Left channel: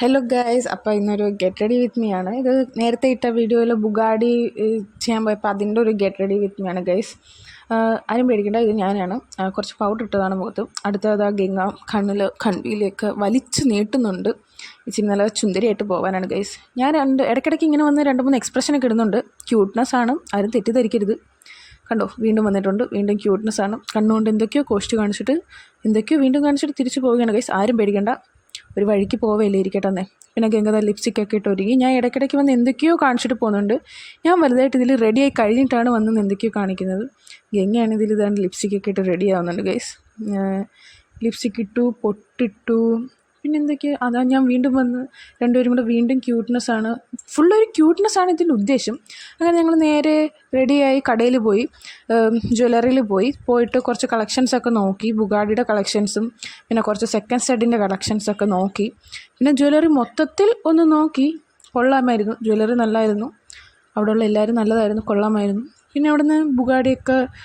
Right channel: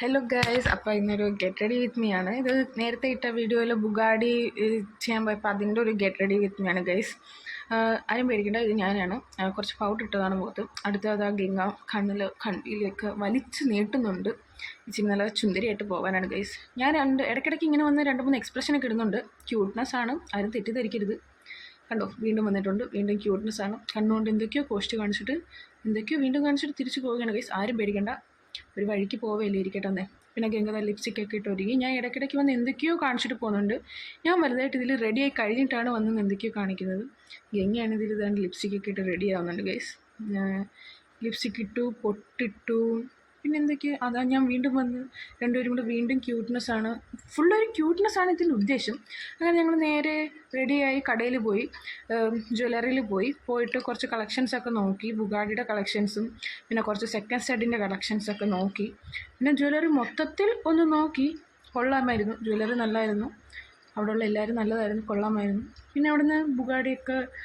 Hello guys, അപ്പോൾ ഇന്നൊരു get ready with me ആണ്. ഇത് നേരത്തെ ഇട്ട വീഡിയോയിൽ ബുഗാഡി ചെയ്യാൻ പോയപ്പോൾ അതിൻ്റെ ഒരു ഗെറ്റ് റെഡി വിത്ത് മീ ആണ് ഗൈസ്. ആരും പേടിക്കേണ്ട, ഇത് ഞാനാണ്. കുറച്ച് പൗഡർ ഇട്ടതാണ് മുഖത്ത്. അടുത്തത് ആ ഗംഗ കണ്ണിലേക്ക് വലിച്ച് നീട്ടുന്നുണ്ട്. ഇച്ചിരി നല്ല ചുന്ദരിയായിട്ട് പോകാനാണ് ഗൈസ്. ഞാൻ ഇടയ്ക്കിടയ്ക്ക് ഇങ്ങനെ വന്ന് 2-3 എക്സ്പ്രഷനൊക്കെ ഇടുന്നുണ്ട്. ക്യൂട്ട്നെസ് ആണ്, ആരും തെറ്റിദ്ധരിക്കരുത്. കണ്ടോ, വീണ്ടും വന്നിട്ടുണ്ട്. വീണ്ടും ക്യൂട്ട്നെസ് ആണ്. കണ്ണുകൊണ്ട് എന്തൊക്കെയോ കോസ്റ്റ് കാണിച്ചിട്ട് എന്തൊക്കെയോ വീണ്ടും കാണിച്ചിട്ട് തിരിച്ച് പോവുകയാണ് ഗൈസ്. ആരും പേടിക്കേണ്ട, ഒരു വഴിക്ക് പോവല്ലേ, ഇരിക്കട്ടെ എന്നേ. പിന്നെ ഗംഗത ലിപ്സ്റ്റിക്കൊക്കെ ഇട്ട് ഒരുങ്ങി. ഞാൻ ഇടയ്ക്കിടയ്ക്ക് വന്ന് എന്തൊക്കെയോ കാണിച്ചിട്ട് പോകുന്നുണ്ട്. ഞാൻ വലുതായിട്ട് ഇതിൽ റെഡിയായി കഴിഞ്ഞിട്ടാണ് വന്ന് എന്തൊക്കെയോ കാണിക്കുന്നത്. ഗംഗയാണ് ഇതിൽ ഇതാണ്ട് ലിപ്സ്റ്റിക്കൊക്കെ ഇട്ട് റെഡി ആവുന്നുണ്ട് ഗൈസ്. ലിപ്സ്റ്റിക്ക് ഇട്ടു, പൊട്ടിട്ടു, പിന്നെ എന്തൊക്കെയാണ്. അതാ ഞാൻ വീണ്ടും വന്ന് രണ്ടുപേരും കൂടെ വീണ്ടും ക്യൂട്ട്നെസ്സാണ്, ഫുള്ളൊരു ക്യൂട്ട്നെസ്സാണ് ഇതിൻ്റെ ഉദ്ദേശം. അങ്ങനെ ഞങ്ങൾ നേരെ റെഡിയായി കടയിൽ പോയി, ജ്വല്ലറിയിൽ പോയിട്ട് കുറച്ച് കളക്ഷൻസൊക്കെ നോക്കി. ബുഗാഡിയുടെ കളക്ഷൻസും പിന്നെ കുറച്ച് സെക്കൻഡ് സെഡിൻ്റെ കളക്ഷൻസൊക്കെ നോക്കി. പിന്നെ ജ്വല്ലറി മൊത്തത്തിൽ ഒന്ന് നോക്കി. കൊള്ളാമായിരുന്നു, ജ്വല്ലറി നല്ലതായിരുന്നു. അവിടെയുള്ള എല്ലാവരും നല്ലതായിരുന്നു, കൊള്ളാമായിരുന്നു. പിന്നെ അവിടുന്ന് ബുഗാഡിയൊക്കെ